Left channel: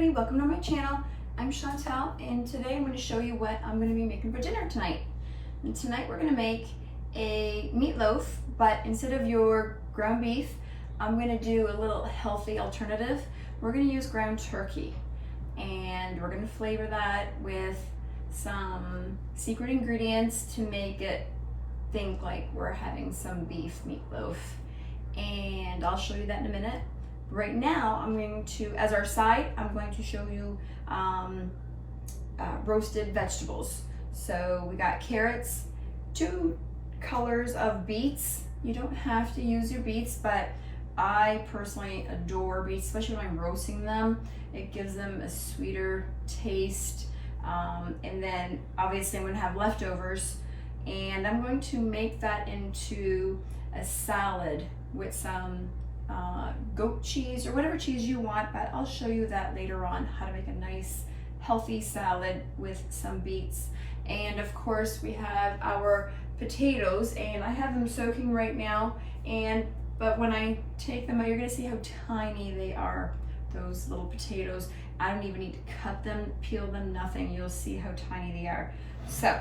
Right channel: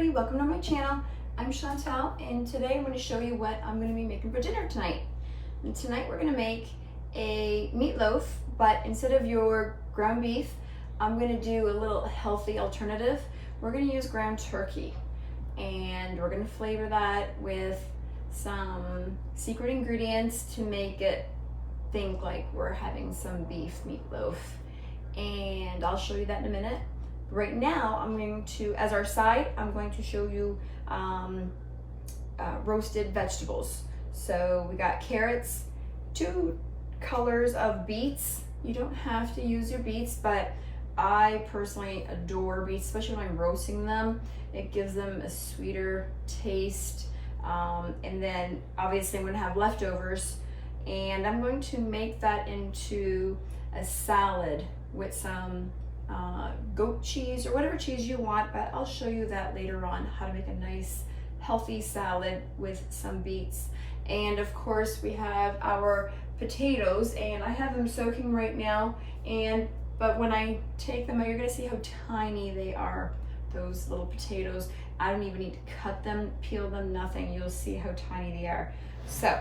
everybody, welcome to my channel. I'm Chantal and today I'm going to show you what I'm going to be making for dinner tonight. And tonight we're going to make a meatloaf, but instead of your ground beef, I'm going to do a little healthy alternative. We're going to use ground turkey and we're going to flavor that with some secret ingredients to make it think like we're having some beef meatloaf. And I'll show you that in a minute. Right now, I'm going to, as our side, I'm going to show you roasted vegetables. So we got carrots, 2 colors of beets. You don't have to use your beets, but I personally adore beets, especially when I'm roasting them. It gives them a sweeter taste. And then obviously I'm going to have leftovers, and I'm going to make that into a salad with some goat cheese or whatever cheese you want, but I'll show you that later on, how to make a nice healthy salad with some beets. And of course we have our potatoes, and I have them soaking right now, but when I take them out, you're gonna see how tiny they are, those little potatoes. I don't even need to cut them, peel them, nothing. You'll see how tiny they are. So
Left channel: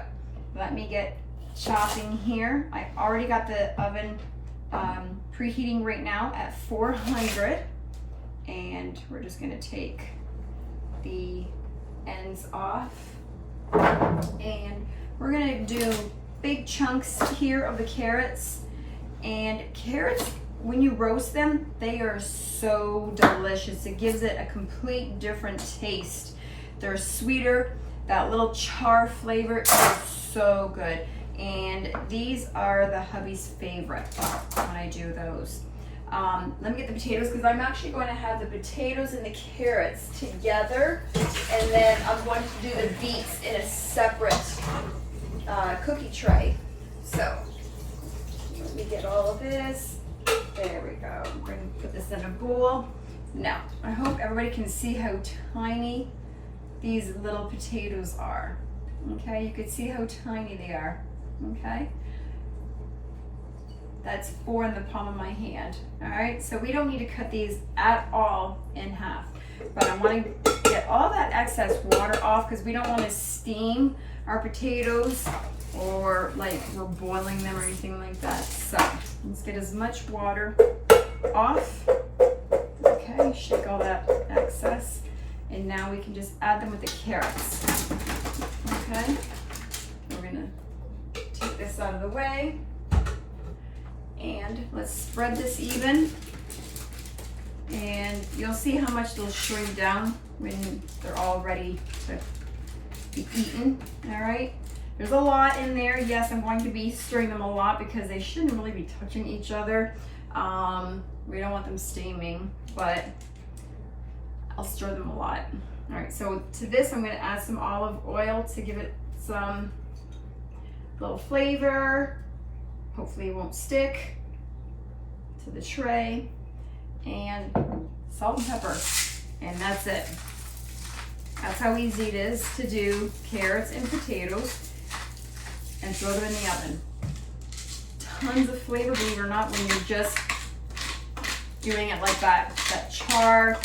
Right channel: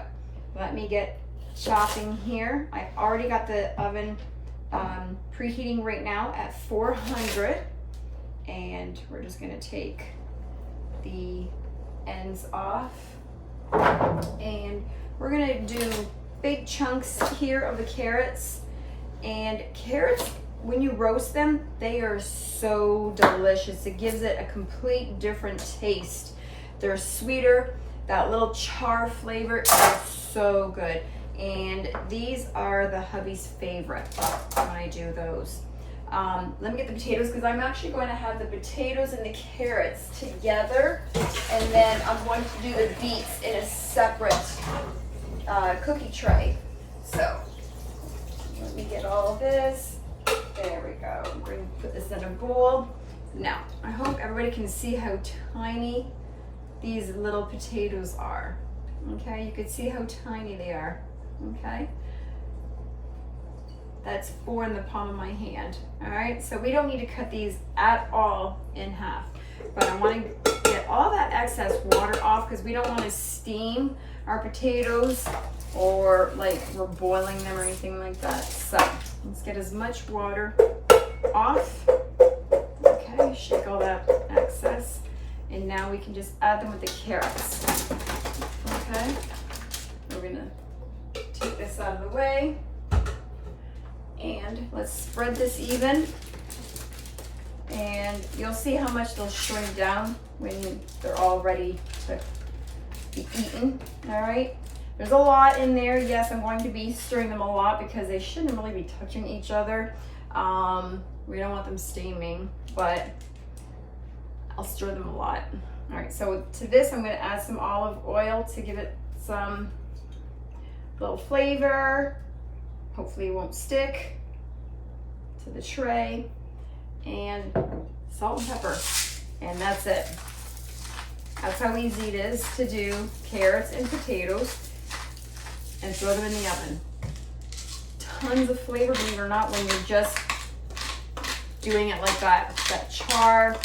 let me get chopping here. I already got the oven preheating right now at 400, and we're just going to take the ends off, and we're going to do big chunks here of the carrots. And carrots, when you roast them, they are so delicious. It gives it a complete different taste. They're sweeter. That little char flavor is so good. And these are the hubby's favorite when I do those. Let me get the potatoes, because I'm actually going to have the potatoes and the carrots together, and then I'm going to do the beets in a separate cookie tray. So let me get all of this. There we go. I'm going to put this in a bowl. Now, I hope everybody can see how tiny these little potatoes are. Okay, you can see how tiny they are. Okay, that's 4 in the palm of my hand. All right, so we don't need to cut these at all in half, but I want to get all that excess water off, because we don't want to steam our potatoes or like we're boiling them or anything like that. So let's get as much water off. Okay, shake all that excess, and now we can just add them with the carrots. Okay, we're gonna take this out of the way, and let's spread this even, and you'll see how much they'll shrink down when they're all ready to be eaten. All right, there's a lot in there. Yes, I'm going to be stirring them a lot because they shouldn't really be touching each other. We don't want them steaming, but I'll stir them a lot. All right, so to this I'm going to add some olive oil to give it some little flavor. Hopefully it won't stick to the tray, and salt and pepper, and that's it. That's how easy it is to do carrots and potatoes and throw them in the oven. Tons of flavor, believe it or not, when you're just doing it like that. That char,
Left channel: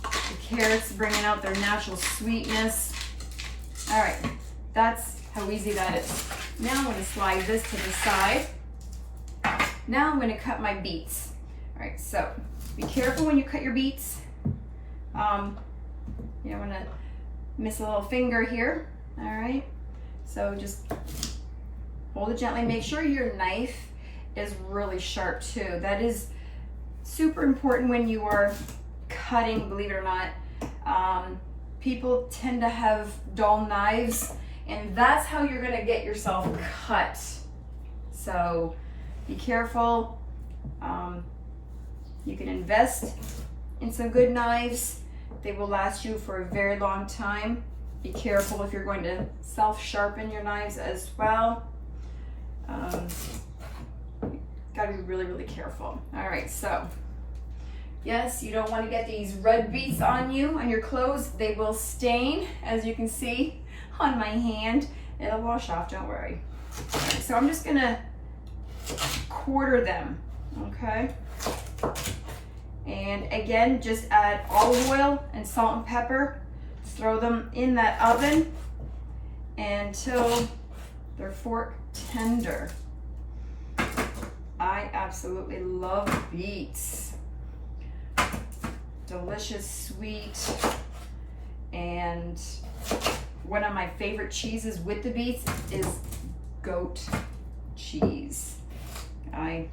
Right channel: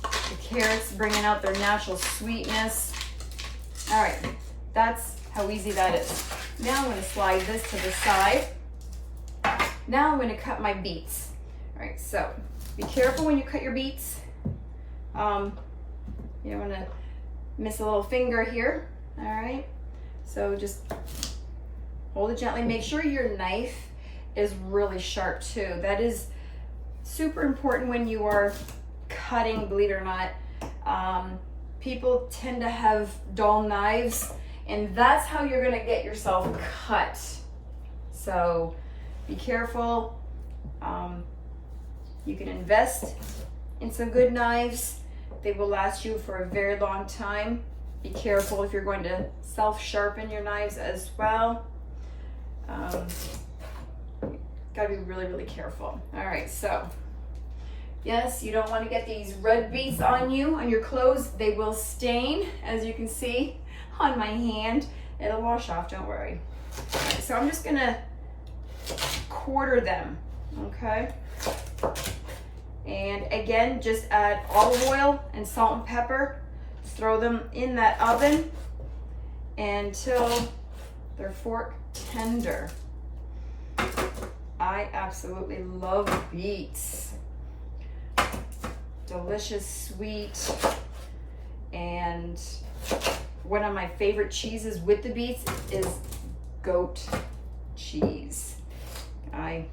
the carrots bringing out their natural sweetness. All right, that's how easy that is. Now I'm going to slide this to the side. Now I'm going to cut my beets. All right, so be careful when you cut your beets. You don't want to miss a little finger here. All right, so just hold it gently. Make sure your knife is really sharp too. That is super important when you are cutting, believe it or not. People tend to have dull knives, and that's how you're gonna get yourself cut. So be careful. You can invest in some good knives. They will last you for a very long time. Be careful if you're going to self-sharpen your knives as well. Gotta be really, really careful. All right, so yes, you don't want to get these red beets on you, on your clothes. They will stain, as you can see on my hand. It'll wash off, don't worry. All right, so I'm just gonna quarter them, okay? And again, just add olive oil and salt and pepper. Throw them in that oven until they're fork tender. I absolutely love beets. Delicious, sweet, and one of my favorite cheeses with the beets is goat cheese. I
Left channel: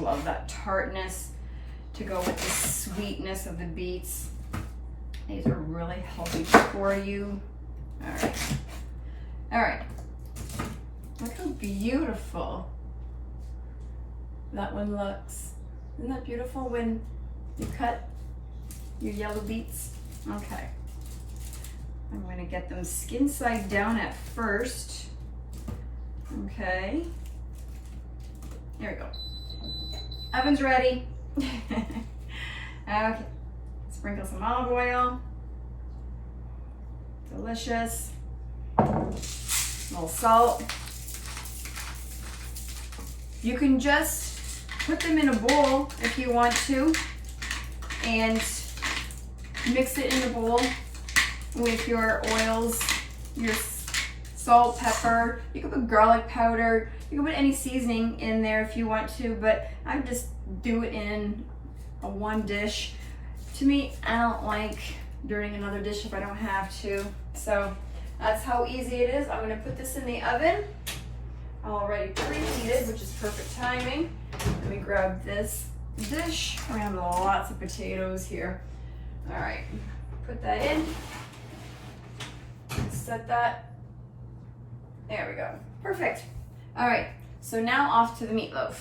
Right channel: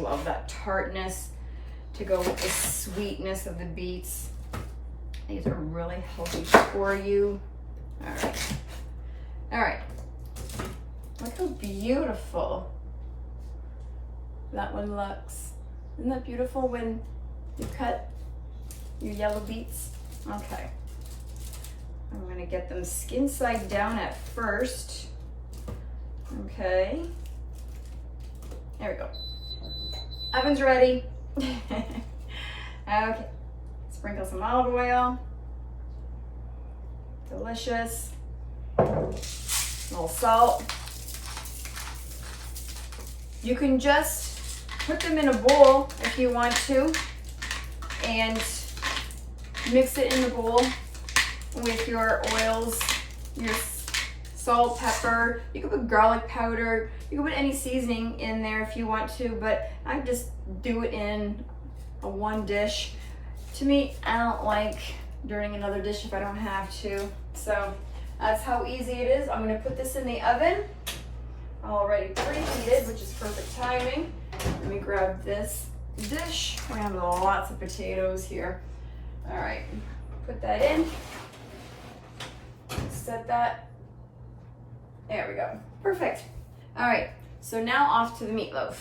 love that tartness to go with the sweetness of the beets. These are really healthy for you. All right. Look how beautiful that one looks. Isn't that beautiful when you cut your yellow beets? Okay. I'm going to get them skin side down at first. Okay. There we go. Oven's ready. Okay. Sprinkle some olive oil. Delicious. A little salt. You can just put them in a bowl if you want to and mix it in the bowl with your oils, your salt, pepper. You can put garlic powder. You can put any seasoning in there if you want to, but I just do it in a one dish. To me, I don't like doing another dish if I don't have to. So that's how easy it is. I'm gonna put this in the oven, already preheated, which is perfect timing. Let me grab this dish. We're gonna have lots of potatoes here. All right, put that in. Set that. There we go. Perfect. All right, so now off to the meatloaf.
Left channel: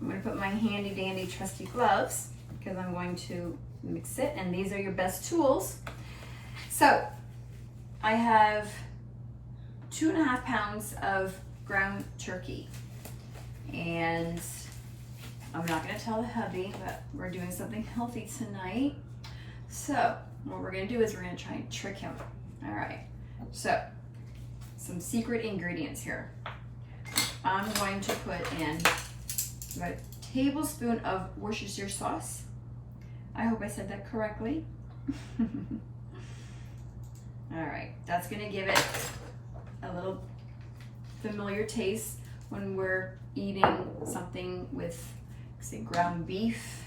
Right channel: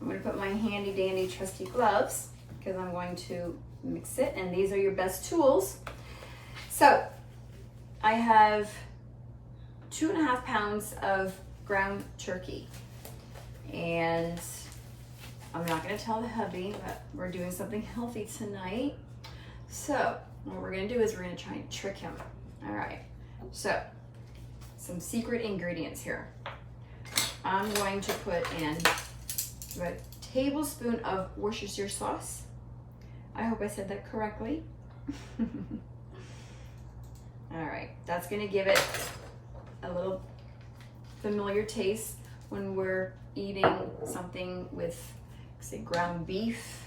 I'm gonna put my handy dandy trusty gloves because I'm going to mix it, and these are your best tools. So I have 2.5 pounds of ground turkey, and I'm not gonna tell the hubby, but we're doing something healthy tonight. So what we're gonna do is we're gonna try and trick him. All right, so some secret ingredients here. I'm going to put in about a tablespoon of Worcestershire sauce. I hope I said that correctly. All right, that's gonna give it a little familiar taste when we're eating something with, say, ground beef.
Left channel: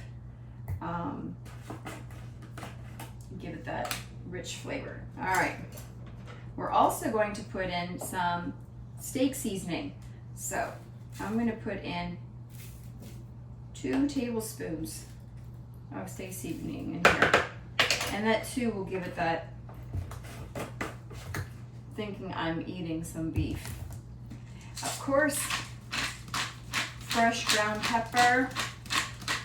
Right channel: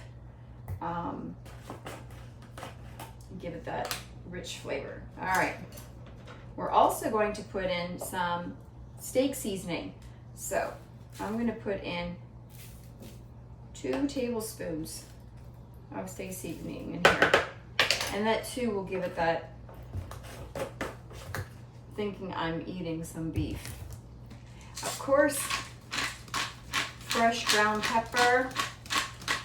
Give it that rich flavor. All right, we're also going to put in some steak seasoning. So I'm gonna put in 2 tablespoons of steak seasoning in here. And that too will give it that thinking I'm eating some beef. Of course, fresh ground pepper.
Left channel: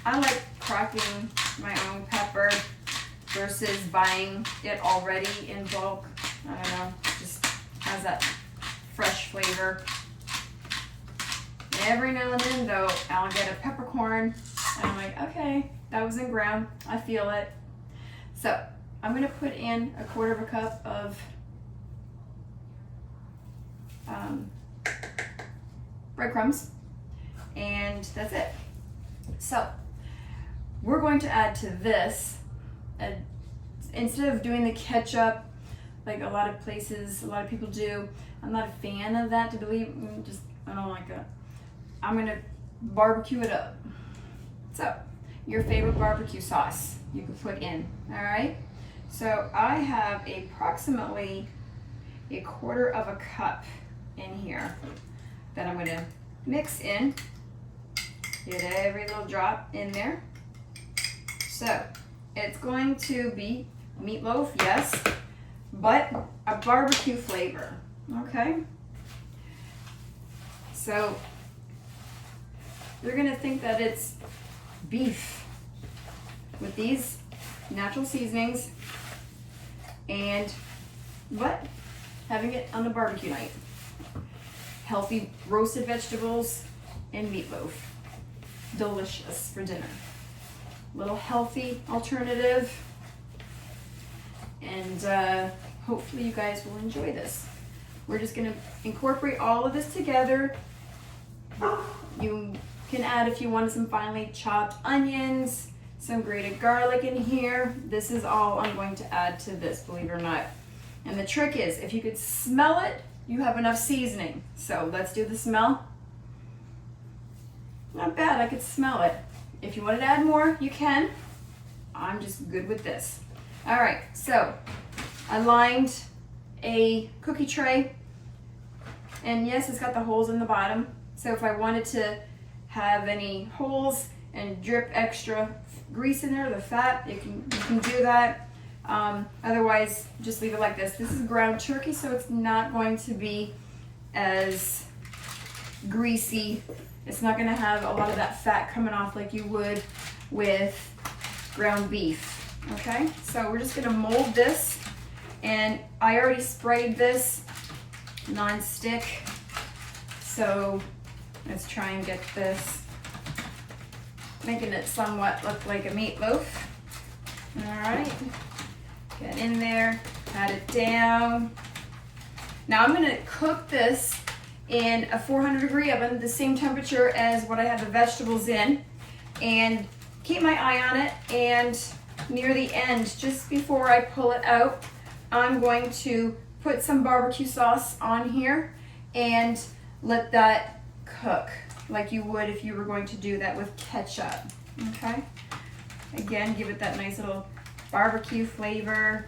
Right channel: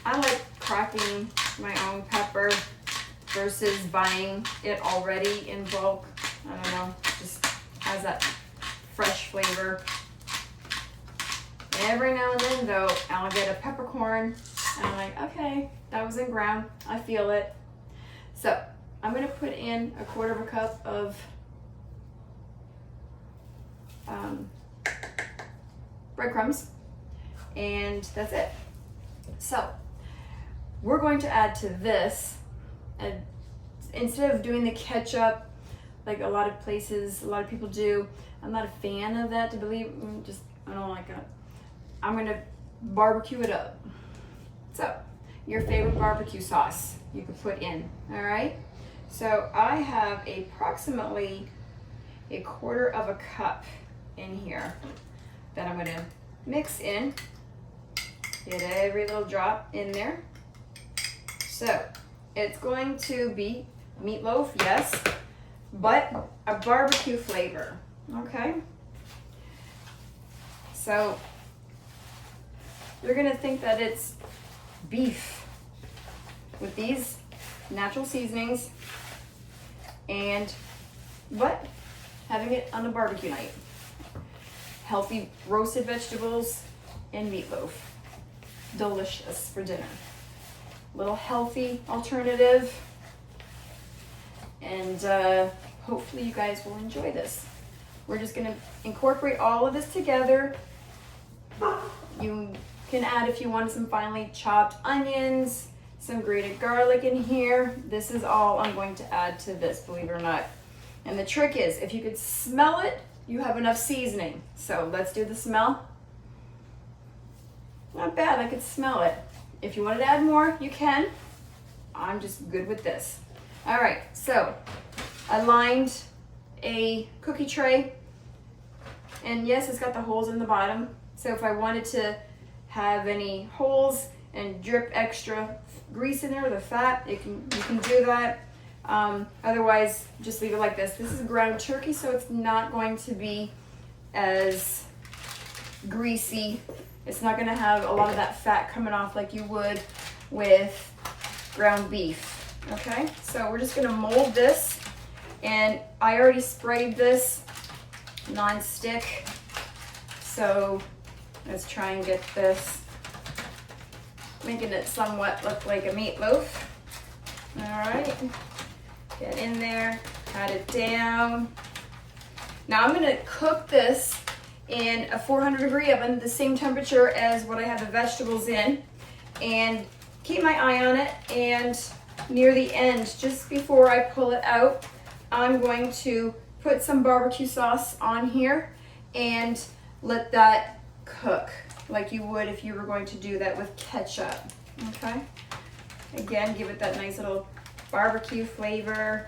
I like cracking my own pepper versus buying it already in bulk. I don't know, just has that fresh flavor. Every now and then though, I'll get a peppercorn and I'm like, okay, that was in ground, I feel it. So I'm gonna put in 1/4 cup of breadcrumbs, and that's it. So we're going to add to this, instead of doing the ketchup like a lot of people do. I'm not a fan of that, I don't like it. I'm gonna barbecue it up. So your favorite barbecue sauce you could put in, all right? So I have approximately 1/4 cup in here that I'm gonna mix in. Get every little drop in there. So it's going to be meatloaf, yes, but a barbecue flavor, okay? So you're gonna think that it's beef with these natural seasonings but having it on a barbecue night. Healthy roasted vegetables and meatloaf. Delicious for dinner. Little healthy alternative. And hopefully you guys will enjoy this. We're just gonna incorporate all of this together. You can add, if you want, some finely chopped onions, some grated garlic in here. This is all I'm going to add to this, believe it or not. And the trick is, if you could smell it, you have enough seasoning. So let's do the smell. Not bad, I could smell it. If you wanted to add more, you can. I'm just good with this. All right, so I lined a cookie tray, and yes, it's got the holes in the bottom. So if I wanted to have any holes and drip extra grease in there, the fat, you can do that. Otherwise, just leave it like this. This is ground turkey, so it's not going to be as greasy. It's not going to have a lot of that fat coming off like you would with ground beef. Okay, so we're just going to mold this, and I already sprayed this nonstick. So let's try and get this, making it somewhat look like a meatloaf. All right, get in there, pat it down. Now I'm going to cook this in a 400-degree oven, the same temperature as what I have the vegetables in, and keep my eye on it. And near the end, just before I pull it out, I'm going to put some barbecue sauce on here and let that cook like you would if you were going to do that with ketchup. Okay, again, give it that nice little barbecue flavor,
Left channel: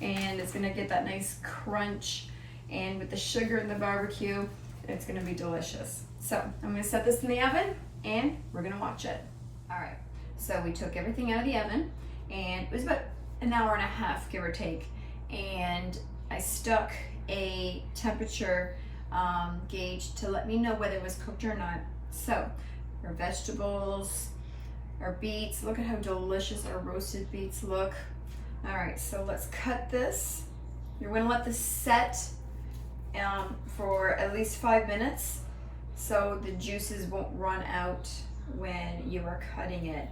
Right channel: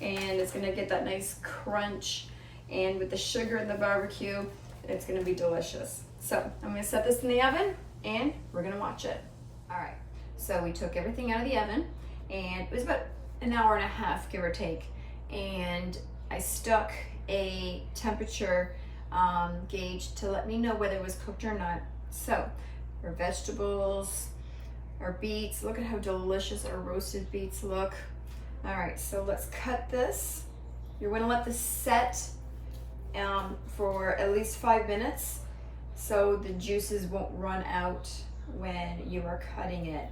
and it's gonna get that nice crunch. And with the sugar and the barbecue, it's gonna be delicious. So I'm gonna set this in the oven and we're gonna watch it. All right, so we took everything out of the oven, and it was about an hour and a half, give or take. And I stuck a temperature gauge to let me know whether it was cooked or not. So our vegetables, our beets, look at how delicious our roasted beets look. All right, so let's cut this. You're gonna let this set for at least 5 minutes so the juices won't run out when you are cutting it.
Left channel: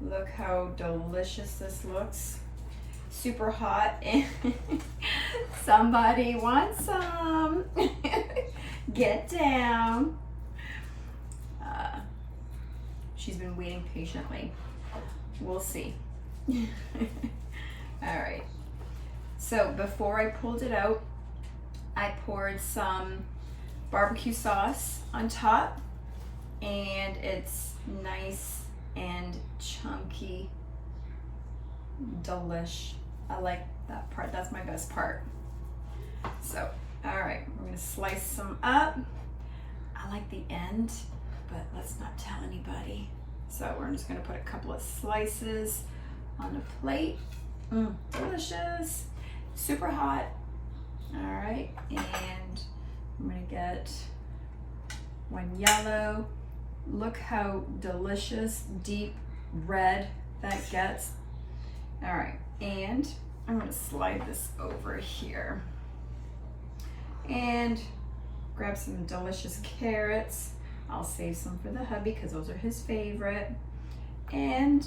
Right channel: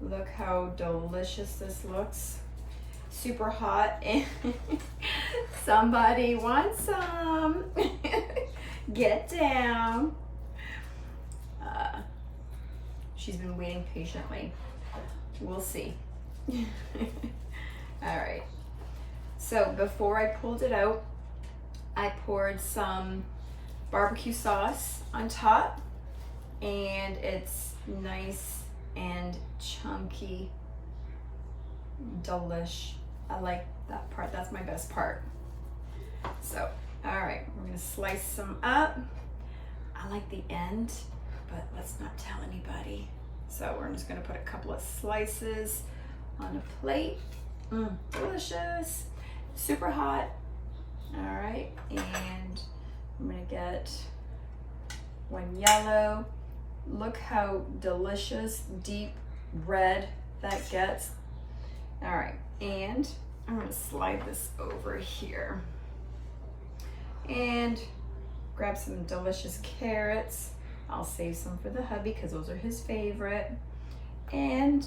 Look how delicious this looks. Super hot, and somebody wants some. Get down. She's been waiting patiently. We'll see. All right, so before I pulled it out, I poured some barbecue sauce on top, and it's nice and chunky. Delish. I like that part. That's my best part. So, all right, we're gonna slice some up. I like the end, but let's not tell anybody. So we're just gonna put a couple of slices on a plate. Delicious. Super hot. All right, and I'm gonna get one yellow. Look how delicious, deep red that gets. All right, and I'm gonna slide this over here and grab some delicious carrots. I'll save some for the hubby because those are his favorite. And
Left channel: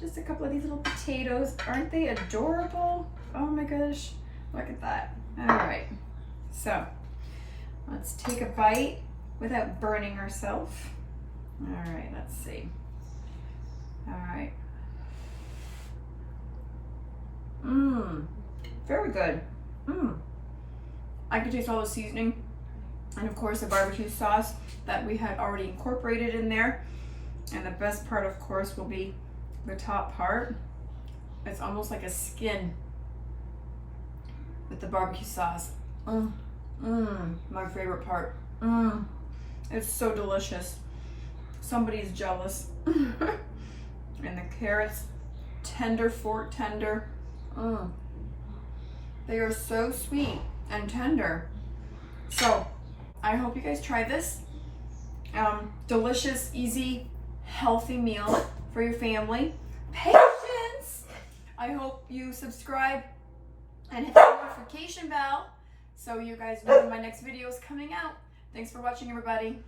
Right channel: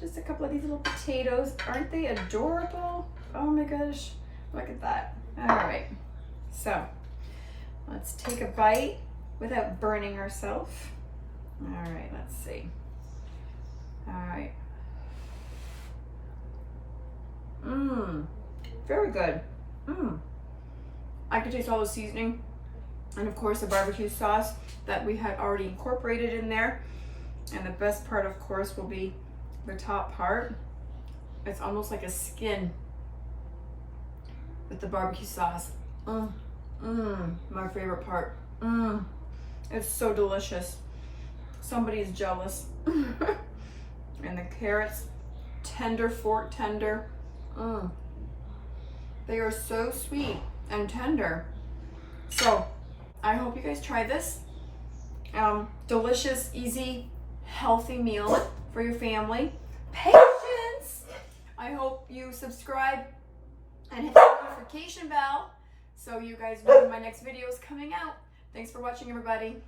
just a couple of these little potatoes. Aren't they adorable? Oh my gosh, look at that. All right, so let's take a bite without burning ourselves. All right, let's see. All right. Very good. I can taste all the seasoning, and of course the barbecue sauce that we had already incorporated in there. And the best part, of course, will be the top part. It's almost like a skin with the barbecue sauce. My favorite part. It's so delicious. Somebody's jealous. And the carrots, tender, fork tender. They are so sweet and tender. So I hope you guys try this. Delicious, easy, healthy meal for your family. Patience. I hope you subscribe and hit the notification bell so you guys know when my next video is coming out. Thanks for watching, everybody.